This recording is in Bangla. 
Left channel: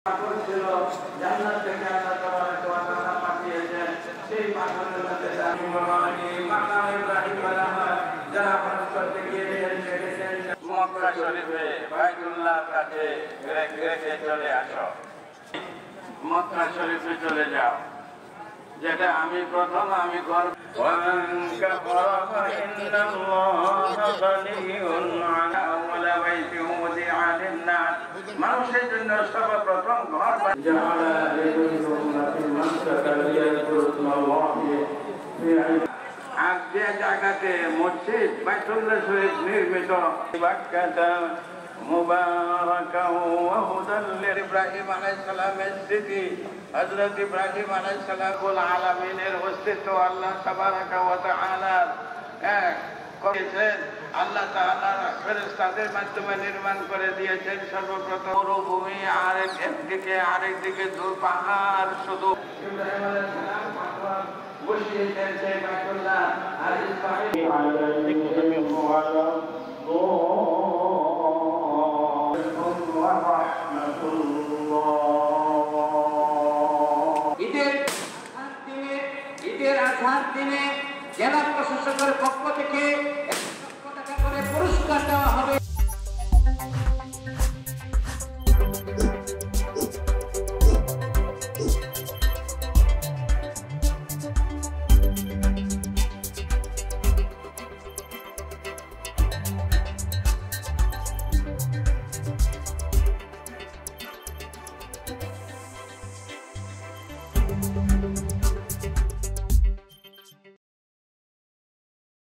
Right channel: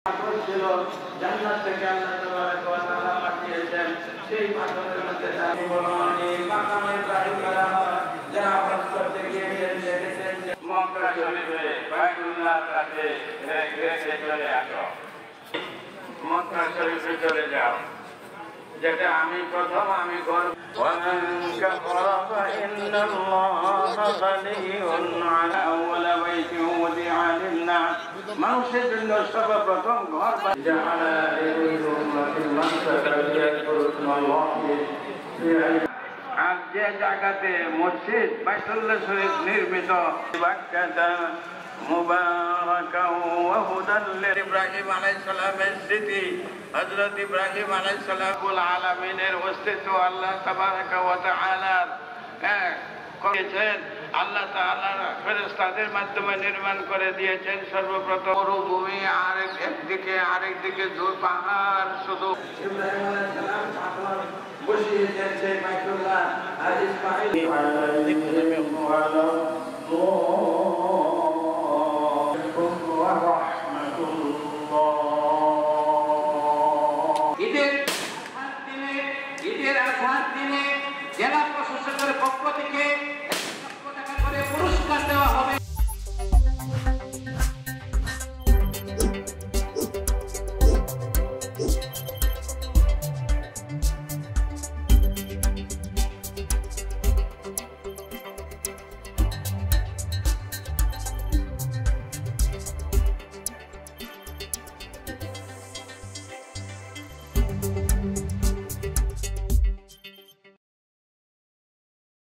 ছিল জান্নাত থেকে আল্লাহ তাবারক ওয়া তাআলা পাঠিয়েছেন সেই পাথরের মধ্যে ইব্রাহিম মাকাম ইব্রাহিম বানাহা যারা হজ করতে গিয়েছেন দেখেছেন মক্কা শরীফে বাইতুল্লাহর কাছে রেখে চলে আসো মক্কা শরীফে চলে যাও যেটা আমি প্রথম আমি গর্ব ومن كفر فإن الله غني عن أول بيت وضع للناس মানুষের জন্য সর্বপ্রথম ঘর جعل لكل منسكا يذكركم الله আর যে জায়গাতে মসজিদ বাইতুল্লাহ শরীফ নির্মিত বাক্কাতা মুবারাকাও ওয়া হুদাল ইব্রাহিম আলাইহিস সালামের স্মৃতি হযরত ইব্রাহিম আলাইহিস সালামুল আলামিনের অস্তিত্ব আল্লাহ তাবারাকা ওয়া তাআলা করেছেন আল্লাহ তাআলা ফেরেশতাদের মাধ্যমে নির্মাণ করে দিয়েছেন সর্বপ্রথম মরুভূমি আরেকদিকে দূর পাহাড় শুধু ইব্রাহিম আলাইহিস সালাম পাহাড় বসিয়েছেন সেই বাইতুল্লাহ আর ইসমাঈল আলাইহিস সালাম